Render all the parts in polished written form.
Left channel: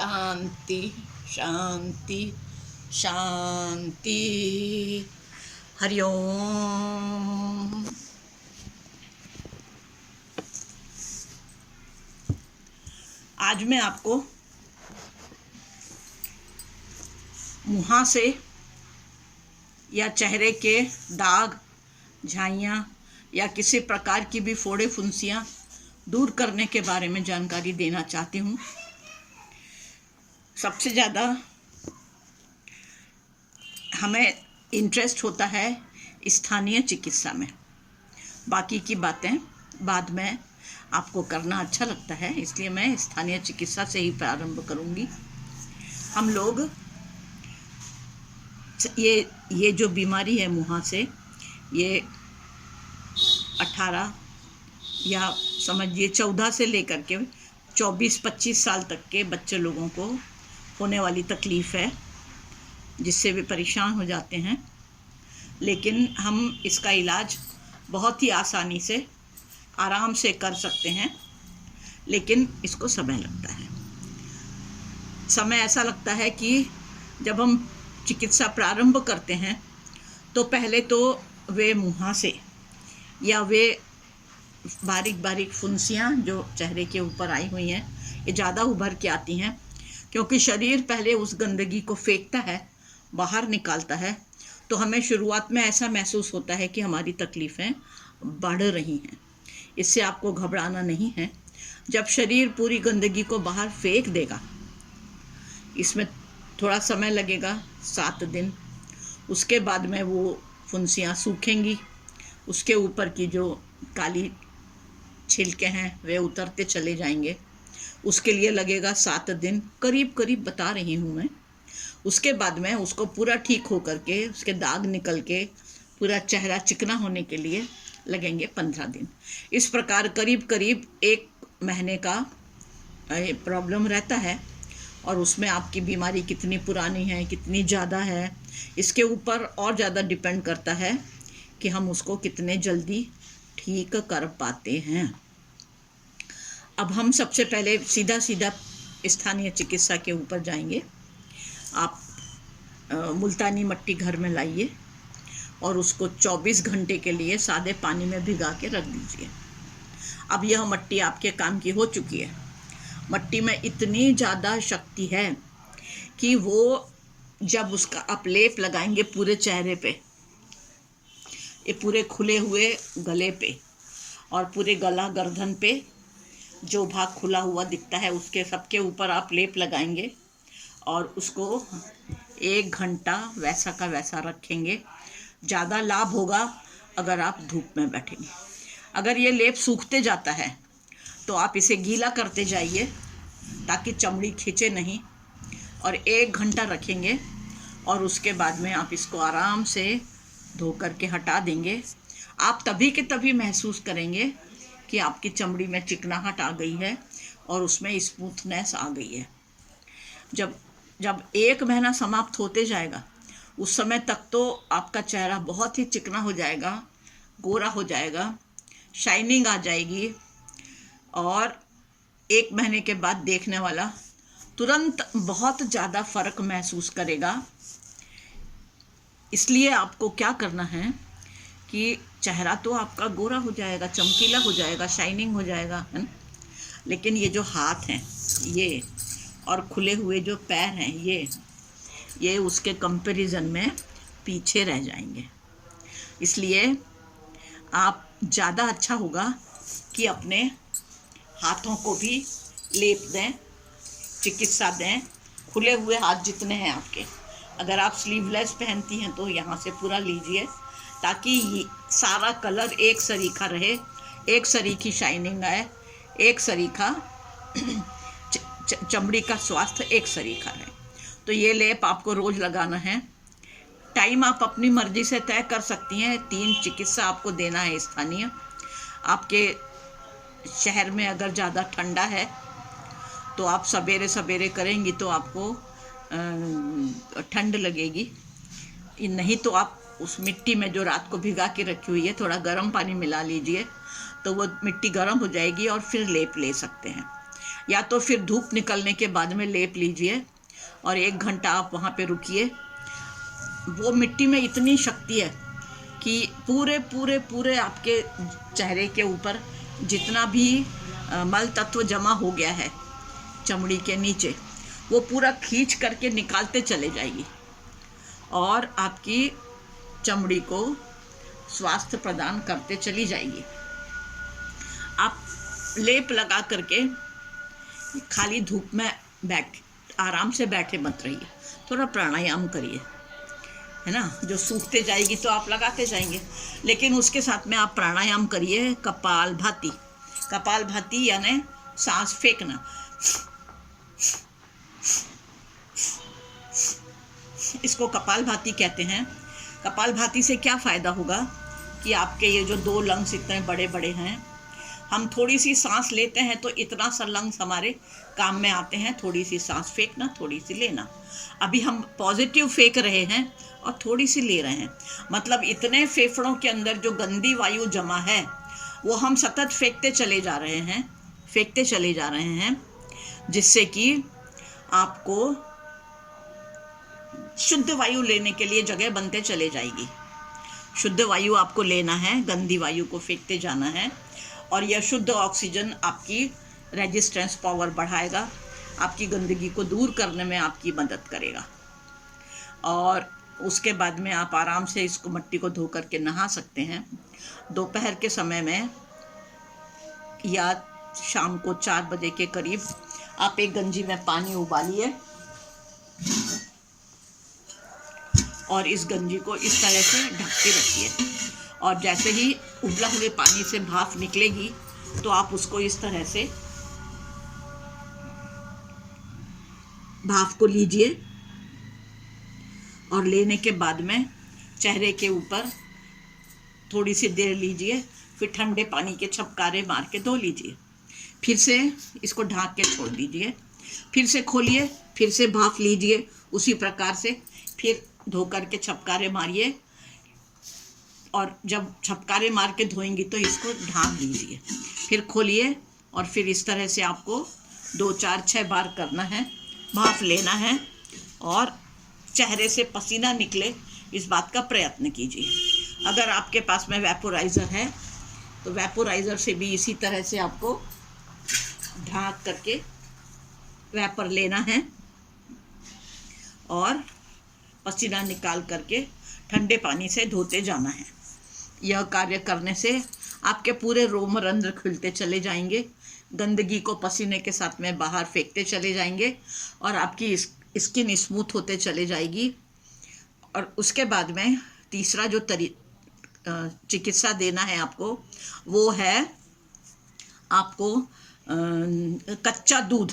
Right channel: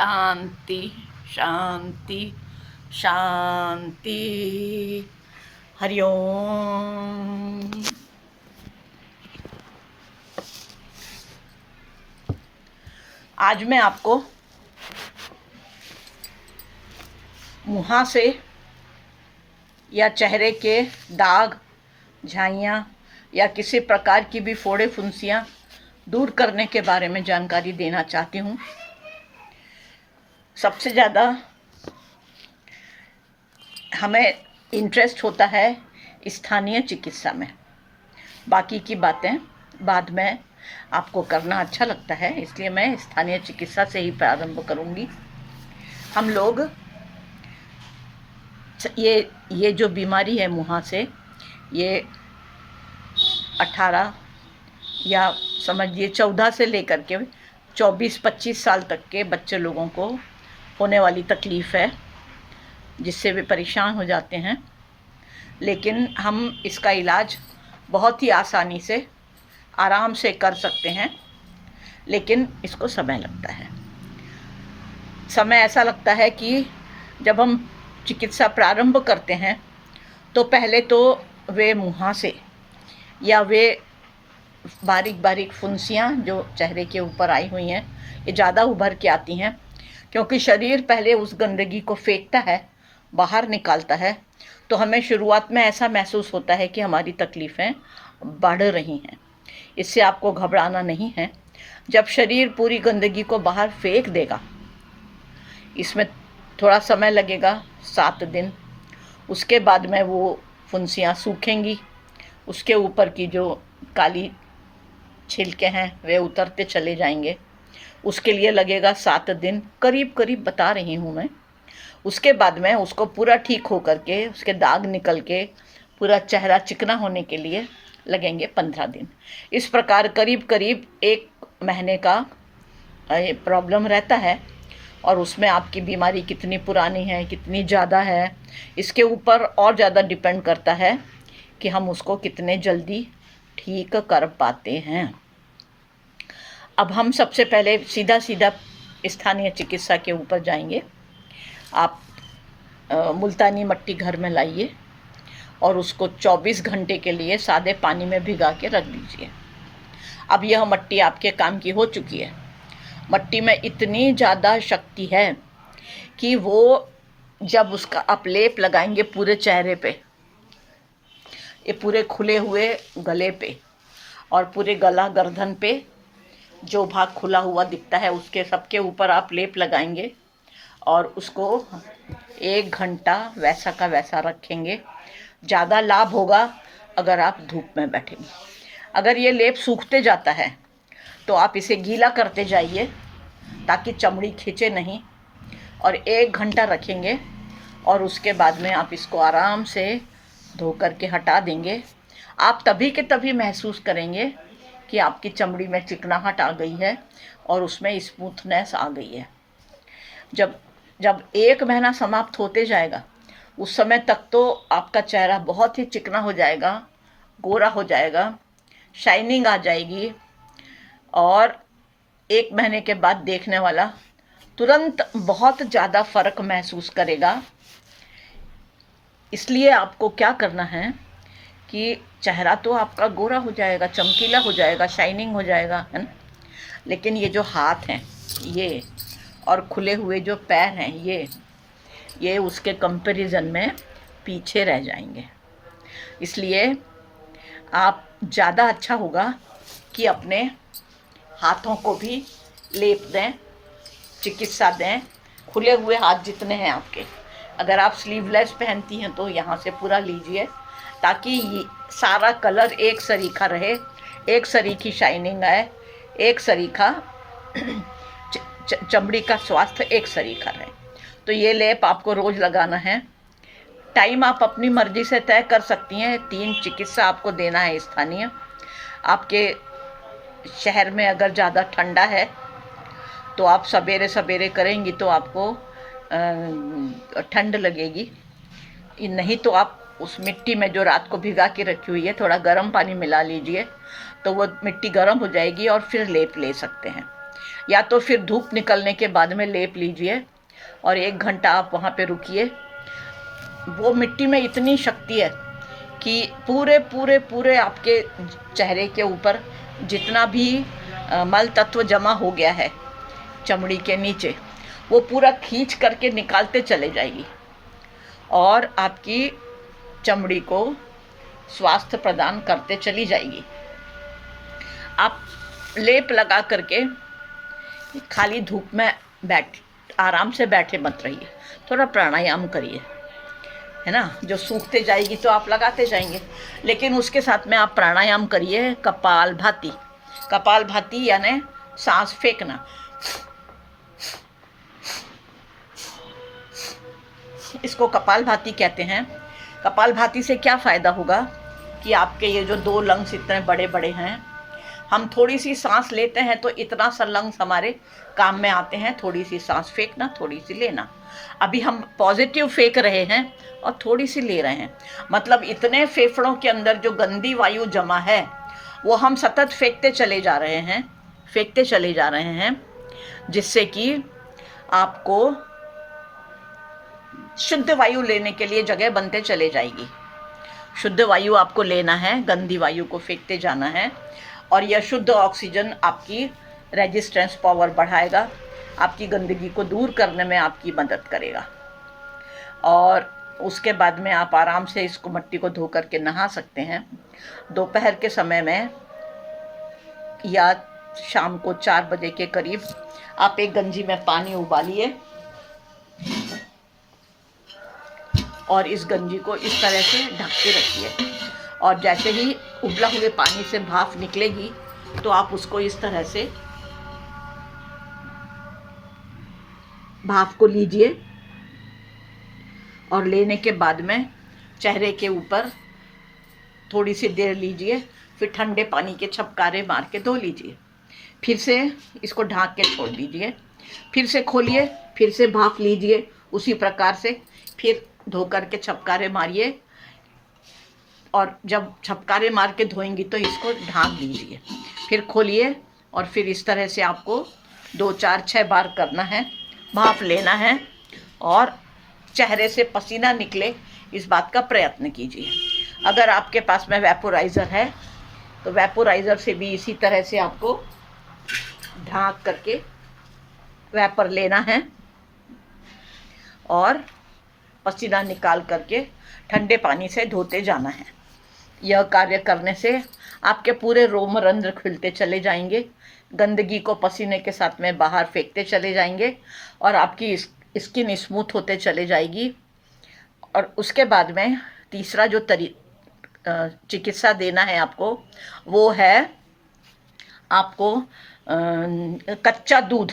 शांति शांति शांति। हरिओम। आज मैं आपको मुहासे या चेहरे के दाग, झाइयाँ या किसी प्रकार की भी फोड़े फुंसियाँ दूर करने के बारे में जानकारी देना चाहती हूँ। सबसे ज़्यादा हमें इंटरेस्ट होता है स्थानीय चिकित्सा में। बाकी की बातें बाद में आपको करना अच्छा लगता है, इसलिए मैं स्थानीय चिकित्सा से ही प्रारंभ करूँगी। हम लोग ये जो बीमारी है मुहासे, ये 18 या समझिए 14 से लेकर के 24-25 साल तक के बच्चे लोगों को होने वाली तकलीफ़ है, जिससे वे परेशान हो जाते हैं। लेकिन हम इसका इलाज बहुत ही आसानी से आराम से कर सकते हैं, लेकिन इसको समय लगता है। समय ऐसा लगता है कि जब हम चिकित्सा प्रारंभ करते हैं तो पहले तो वे मुहासे या वे बारीक बारीक फुंसियाँ जो चेहरे के ऊपर आई हुई हैं, ये ज़्यादा उभर के आती हैं, क्योंकि शरीर पहले उस गंदगी को फेंकता है, बाहर निकालता है। तो हमें शुरुआत में ऐसा महसूस होता है कि हमारी तकलीफ़ें बढ़ रही हैं। इससे आपको घबराना नहीं है। जब शरीर पूरी गंदगी को बाहर फेंक देगा, इसमें थोड़ा समय लगेगा, 7 दिन। उसके बाद में वो फुंसियाँ सूखेंगी, उसके ऊपर की जो काली छिलके हैं वे उतरते चले जाएंगे। उसके लिए लगेगा 7 दिन, करीब करीब बता रही हूँ मैं। उसके बाद में उसको पूरा ठीक हो करके, उसके दाग निकल के पूरा चेहरा चिकना होने के लिए लगेंगे 15 दिन। इस प्रकार करीब करीब 1 महीने का प्रॉब्लम रहता है। और उसमें आपकी बीमारी कितनी पुरानी है, कितनी ज़्यादा है, इसके ऊपर और ज़्यादा डिपेंड करता है कि हम उसको कितने जल्दी ठीक कर पाते हैं। अब हम सबसे पहले सीधा स्थानीय चिकित्सा के ऊपर जाएंगे। आप मुल्तानी मट्टी घर में लाइए और उसको 24 घंटे के लिए सादे पानी में भिगा के रख दीजिए। अब यह मट्टी आपके काम की हो चुकी है। मट्टी में इतनी ज़्यादा शक्ति है कि वो जब उसका आप लेप लगाएंगे पूरे चेहरे पे, ये पूरे खुले हुए गले पे और पूरे गला गर्दन पे जो भाग खुला हुआ दिखता है उसके सबके ऊपर आप लेप लगाएंगे और उसको 1 घंटा वैसा का वैसा रखेंगे। ज़्यादा लाभ होगा अगर आप धूप में बैठेंगे। अगर ये लेप सूखते जाता है तो आप इसे गीला करते जाइए ताकि चमड़ी खींचे नहीं, और 1 घंटा रखेंगे और उसके बाद में आप इसको आराम से धो करके हटा देंगे। आप तभी के तभी महसूस करेंगे कि आपकी चमड़ी में चिकनाहट आ गई है और उसमें स्मूथनेस आ गई है। जब 1 महीना समाप्त होते जाएगा, उस समय तक तो आपका चेहरा बहुत ही चिकना हो जाएगा, गोरा हो जाएगा, शाइनिंग आ जाएगी, और 1 महीने के बाद देखने वाला तुरंत बहुत ज़्यादा फ़र्क महसूस करेगा। इसलिए आपको क्या करना है कि चेहरा तो आपका गोरा हो जाएगा, चमकीला हो जाएगा, शाइनिंग हो जाएगा, है ना, लेकिन ये जो हाथ हैं ये और खुले हुए जो पैर हैं ये उसके कंपैरिजन में पीछे रह जाएंगे। इसलिए आप ज़्यादा अच्छा होगा कि अपने हाथों को भी लेप दें, चिकित्सा दें। खुले हुए हाथ जितने हैं आपके, अगर आप स्लीवलेस पहनती हैं तो यहाँ से पूरा लीजिए ताकि सारा कलर एक सरीखा रहे, एक सरीखी शाइनिंग आए, एक सरीखा चमड़ी का स्वास्थ्य एक सरीखा रहे। तो ये लेप आपको रोज़ लगाना है। टाइम आप अपनी मर्ज़ी से तय कर सकती हैं। 3 चिकित्सा आपको देना है स्थानीय। आपके शहर में अगर ज़्यादा ठंडा है तो आप सवेरे सवेरे करेंगी तो आपको ठंड लगेगी, नहीं तो आप उस मिट्टी में जो रात को भिगा के रखी हुई है थोड़ा गर्म पानी मिला लीजिए, तो वो मिट्टी गर्म हो जाएगी और फिर लेप ले सकते हैं। या तो फिर धूप निकलने के बाद में लेप लीजिए और 1 घंटा आप वहाँ पे रुकिए। वो मिट्टी में इतनी शक्ति है कि पूरे पूरे पूरे आपके चेहरे के ऊपर जितना भी मल तत्व जमा हो गया है चमड़ी के नीचे, वो पूरा खींच करके निकालते चले जाएगी और आपकी चमड़ी को स्वास्थ्य प्रदान करते चली जाएगी। आप लेप लगा करके खाली धूप में आराम से बैठे मत रहिए, थोड़ा प्राणायाम करिए, है ना। जो सूखते जाएगी तो आप लगाते जाएंगे, लेकिन उसके साथ में आप प्राणायाम करिए कपालभाति। कपालभाति यानी सांस फेंकना। इसको कपालभाति कहते हैं। कपालभाति से क्या फ़ायदा होगा कि आपके ये जो 2 लंग्स इतने बड़े बड़े हैं, हम थोड़ी सी सांस लेते हैं तो इतना सा लंग्स हमारे काम में आते हैं। थोड़ी सी सांस फेंकना, थोड़ी सी लेना। अभी हम पॉजिटिव फेंक रहे हैं और थोड़ी सी ले रहे हैं, मतलब इतने फेफड़ों के अंदर जो गंदी वायु जमा है वो हम सतत फेंकते चले जा रहे हैं, जिससे कि आपको शुद्ध वायु लेने के लिए जगह बनते चले जाएगी। शुद्ध वायु आपको लेना है, गंदी वायु को फेंकते जाना है, और यह शुद्ध ऑक्सीजन आपकी रेजिस्टेंस पावर बढ़ाएगा, आपकी गंदगी को दूर करने में आपकी मदद करेगा। और उसके बाद में आप आराम से इसको मिट्टी को धो करके नहा सकते हैं। दोपहर के समय में या शाम को 4 बजे के करीब आप एक गंजी में पानी उबालिए और इस गंजी को इस तरह से ढक के रखिए, और जैसे ही उबला हुए पानी से भाप निकलेगी तो आप उसको इस तरह से भाप को लीजिए, और लेने के बाद में चेहरे के ऊपर थोड़ी सी देर लीजिए, फिर ठंडे पानी के छपकारे मार के धो लीजिए। फिर से इसको ढक के छोड़ दीजिए, फिर से खोलिए, फिर से भाप लीजिए उसी प्रकार से, फिर धो करके छपकारे मारिए, और जब छपकारे मार के धोएंगी तो इसको ढक लीजिए, फिर खोलिए, और फिर इस तरह से आपको 2, 4, 6 बार करना है। भाप लेना है और चेहरे से पसीना निकले, इस बात का प्रयत्न कीजिए। अगर आपके पास में वेपोराइज़र है तो वेपोराइज़र से भी इसी तरह से आपको ढक करके वेपर लेना है और पसीना निकाल करके ठंडे पानी से धोते जाना है। यह कार्य करने से आपके पूरे रोमरंध्र खुलते चले जाएंगे, गंदगी को पसीने के साथ में बाहर फेंकते चले जाएंगे, और आपकी स्किन स्मूथ होते चले जाएगी। और उसके बाद में तीसरा जो चिकित्सा देना है आपको, वो है आपको कच्चा दूध,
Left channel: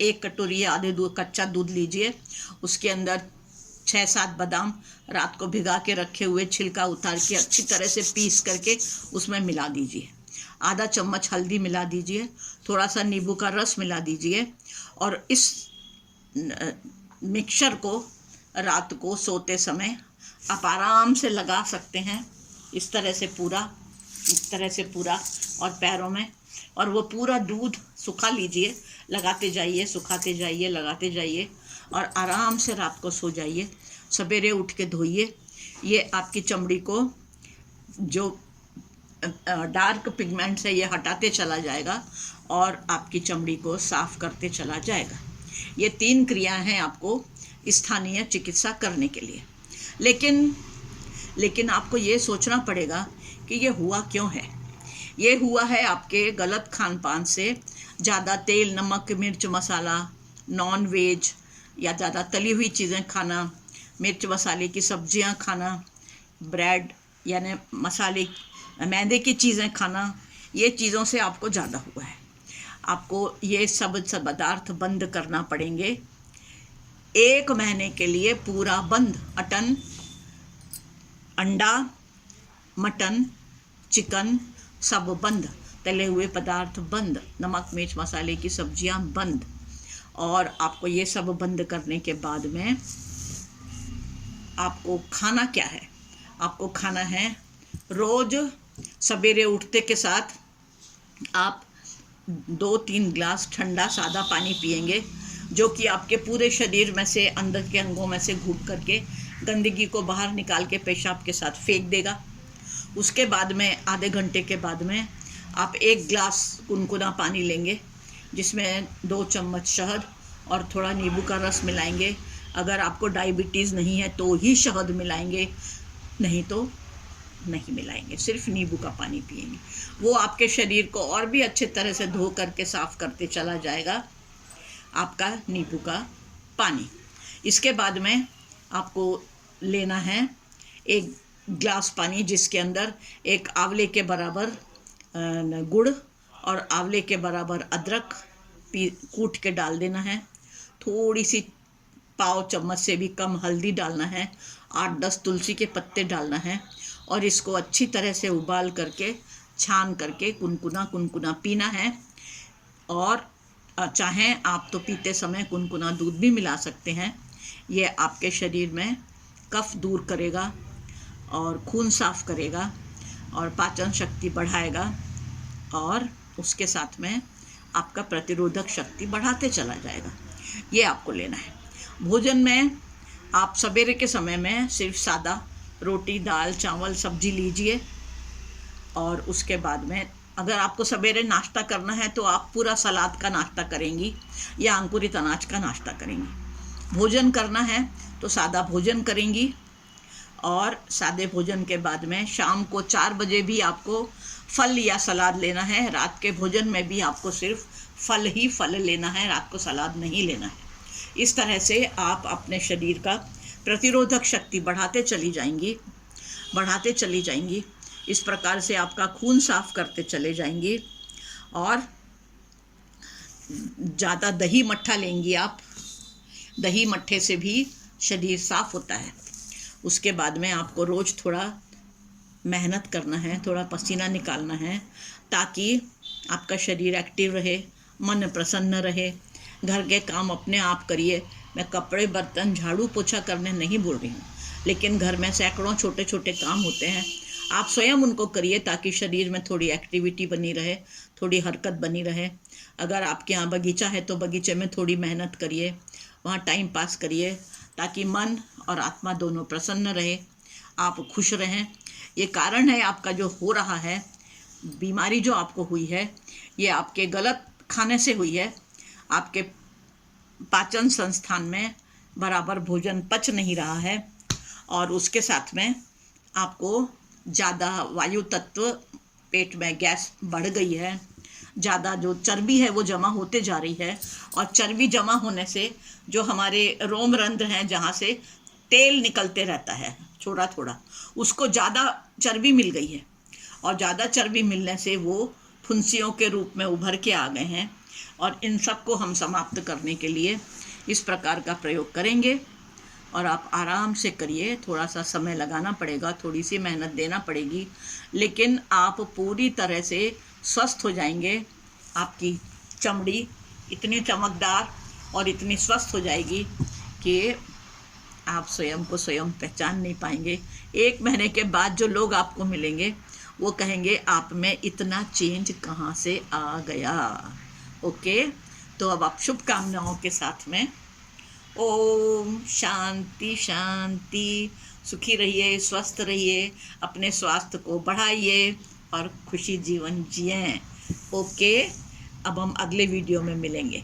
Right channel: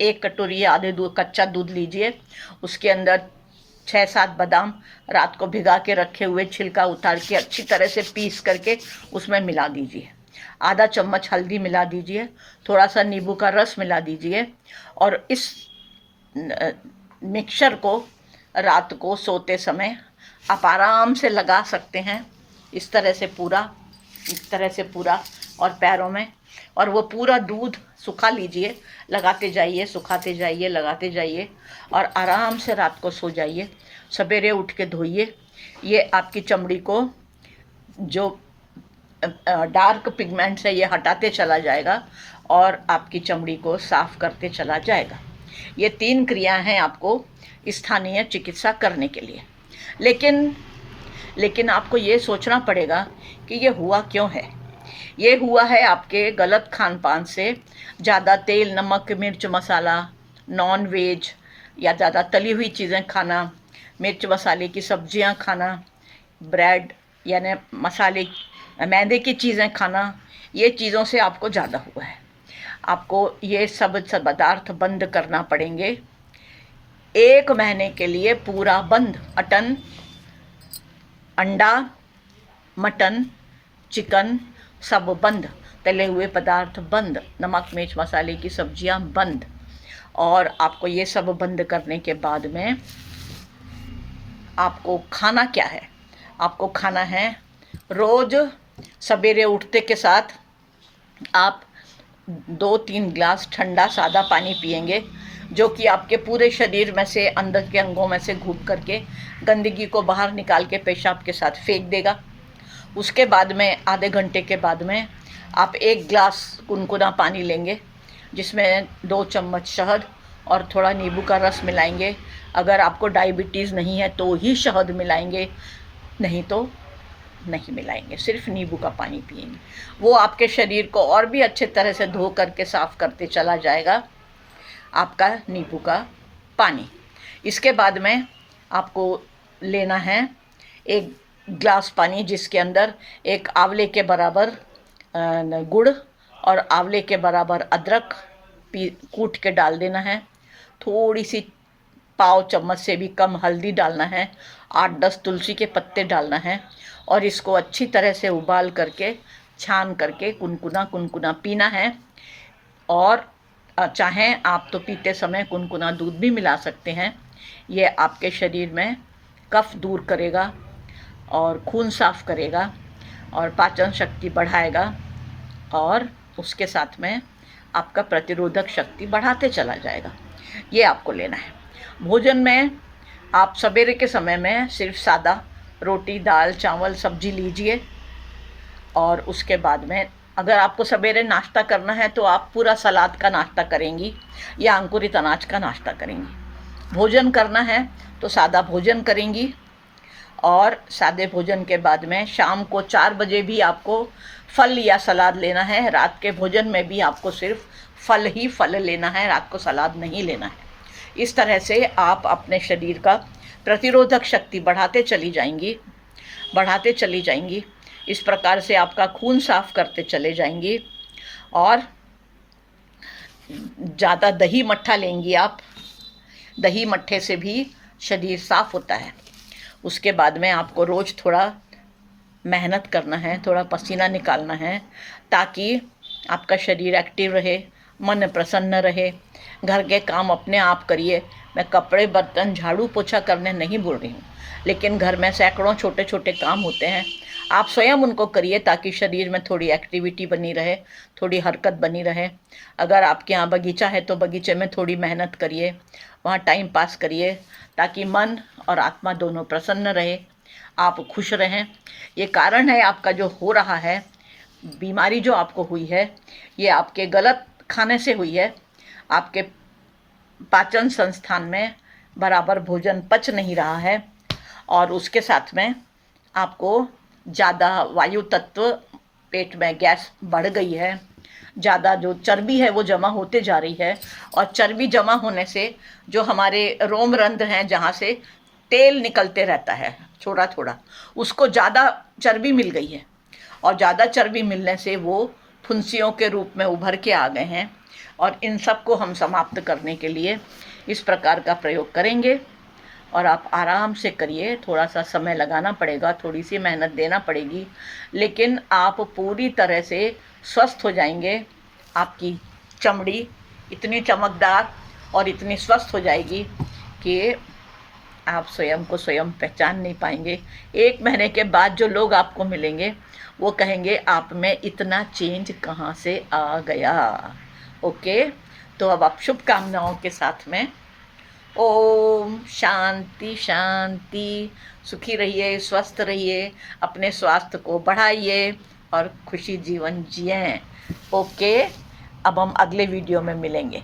1 कटोरी आधे दूध कच्चा दूध लीजिए, उसके अंदर 6-7 बादाम रात को भिगा के रखे हुए छिलका उतार के अच्छी तरह से पीस करके उसमें मिला दीजिए। आधा चम्मच हल्दी मिला दीजिए, थोड़ा सा नींबू का रस मिला दीजिए, और इस मिक्सचर को रात को सोते समय आप आराम से लगा सकते हैं, इस तरह से पूरा और पैरों में, और वो पूरा दूध सुखा लीजिए, लगाते जाइए, सुखाते जाइए, लगाते जाइए, और आराम से रात को सो जाइए। सवेरे उठ के धोइए। ये आपकी चमड़ी को जो डार्क पिगमेंट्स है ये हटाते चला जाएगा और आपकी चमड़ी को साफ करते चला जाएगा। ये 3 क्रियाएं हैं आपको स्थानीय चिकित्सा करने के लिए। लेकिन आपको ये सोचना पड़ेगा कि ये हुआ क्यों है। ये हुआ है आपके गलत खान पान से। ज़्यादा तेल, नमक, मिर्च, मसाला, नॉन वेज या ज़्यादा तली हुई चीज़ें खाना, मिर्च मसाले की सब्जियां खाना, ब्रेड यानी मसाले मैदे की चीज़ें खाना, ये चीज़ों से आपको ज़्यादा हुआ है। आपको ये सब पदार्थ बंद करना पड़ेंगे। 1 महीने के लिए पूरा बंद। अंडा, मटन, चिकन सब बंद, तले हुए पदार्थ बंद, नमक मिर्च मसाले की सब्जियां बंद। और आपको ये सब बंद करने के बाद में आपको खाना क्या है? आपको खाना है रोज़ सवेरे उठते के साथ आप 2-3 ग्लास ठंडा सादा पानी पिएंगे, जो कि आपके पूरे शरीर में से, अंदर के अंगों में से घूम करके गंदगी को बाहर निकाल के पेशाब के साथ फेंक देगा। उसके बाद में आधे घंटे के बाद में आप 1 ग्लास गुनगुना पानी लेंगे, जिसमें 2 चम्मच शहद और थोड़ा नींबू का रस मिलाएंगे। अगर आपको डायबिटीज़ नहीं है तो ही शहद मिलाएंगे, नहीं तो नहीं मिलाएंगे, सिर्फ नींबू का पानी पिएंगे। वो आपके शरीर को और भी अच्छे तरह से धो करके साफ़ करते चला जाएगा, आपका नींबू का पानी। इसके बाद में आपको लेना है 1 ग्लास पानी, जिसके अंदर 1 आंवले के बराबर गुड़ और आंवले के बराबर अदरक कूट के डाल देना है। थोड़ी सी पाव चम्मच से भी कम हल्दी डालना है, 8-10 तुलसी के पत्ते डालना है, और इसको अच्छी तरह से उबाल करके छान करके कुनकुना पीना है। और चाहें आप तो पीते समय कुनकुना दूध भी मिला सकते हैं। ये आपके शरीर में कफ दूर करेगा और खून साफ करेगा और पाचन शक्ति बढ़ाएगा, और उसके साथ में आपका प्रतिरोधक शक्ति बढ़ाते चला जाएगा। ये आपको लेना है। भोजन में आप सवेरे के समय में सिर्फ सादा रोटी, दाल, चावल, सब्जी लीजिए, और उसके बाद में अगर आपको सवेरे नाश्ता करना है तो आप पूरा सलाद का नाश्ता करेंगी या अंकुरित अनाज का नाश्ता करेंगी। भोजन करना है तो सादा भोजन करेंगी, और सादे भोजन के बाद में शाम को 4 बजे भी आपको फल या सलाद लेना है। रात के भोजन में भी आपको सिर्फ फल ही फल लेना है, रात को सलाद नहीं लेना है। इस तरह से आप अपने शरीर का प्रतिरोधक शक्ति बढ़ाते चली जाएंगी। इस प्रकार से आपका खून साफ करते चले जाएंगी। और ज़्यादा दही मट्ठा लेंगी आप, दही मट्ठे से भी शरीर साफ होता है। उसके बाद में आपको रोज़ थोड़ा मेहनत करना है, थोड़ा पसीना निकालना है, ताकि आपका शरीर एक्टिव रहे, मन प्रसन्न रहे। घर के काम अपने आप करिए। मैं कपड़े, बर्तन, झाड़ू, पोछा करने नहीं बोल रही हूँ, लेकिन घर में सैकड़ों छोटे छोटे काम होते हैं, आप स्वयं उनको करिए, ताकि शरीर में थोड़ी एक्टिविटी बनी रहे, थोड़ी हरकत बनी रहे। अगर आपके यहाँ बगीचा है तो बगीचे में थोड़ी मेहनत करिए, वहाँ टाइम पास करिए, ताकि मन और आत्मा दोनों प्रसन्न रहे, आप खुश रहें। ये कारण है आपका जो हो रहा है, बीमारी जो आपको हुई है, ये आपके गलत खाने से हुई है। आपके पाचन संस्थान में बराबर भोजन पच नहीं रहा है, और उसके साथ में आपको ज़्यादा वायु तत्व, पेट में गैस बढ़ गई है, ज़्यादा जो चर्बी है वो जमा होते जा रही है, और चर्बी जमा होने से जो हमारे रोम रंध्र हैं, जहाँ से तेल निकलते रहता है थोड़ा थोड़ा, उसको ज़्यादा चर्बी मिल गई है, और ज़्यादा चर्बी मिलने से वो फुंसियों के रूप में उभर के आ गए हैं। और इन सब को हम समाप्त करने के लिए इस प्रकार का प्रयोग करेंगे, और आप आराम से करिए। थोड़ा सा समय लगाना पड़ेगा, थोड़ी सी मेहनत देना पड़ेगी, लेकिन आप पूरी तरह से स्वस्थ हो जाएंगे। आपकी चमड़ी इतनी चमकदार और इतनी स्वस्थ हो जाएगी कि आप स्वयं को स्वयं पहचान नहीं पाएंगे। 1 महीने के बाद जो लोग आपको मिलेंगे वो कहेंगे आप में इतना चेंज कहाँ से आ गया। ओके, तो अब आप शुभकामनाओं के साथ में ओम शांति शांति, सुखी रहिए, स्वस्थ रहिए, अपने स्वास्थ्य को बढ़ाइए और खुशी जीवन जिएं। ओके, अब हम अगले वीडियो में मिलेंगे।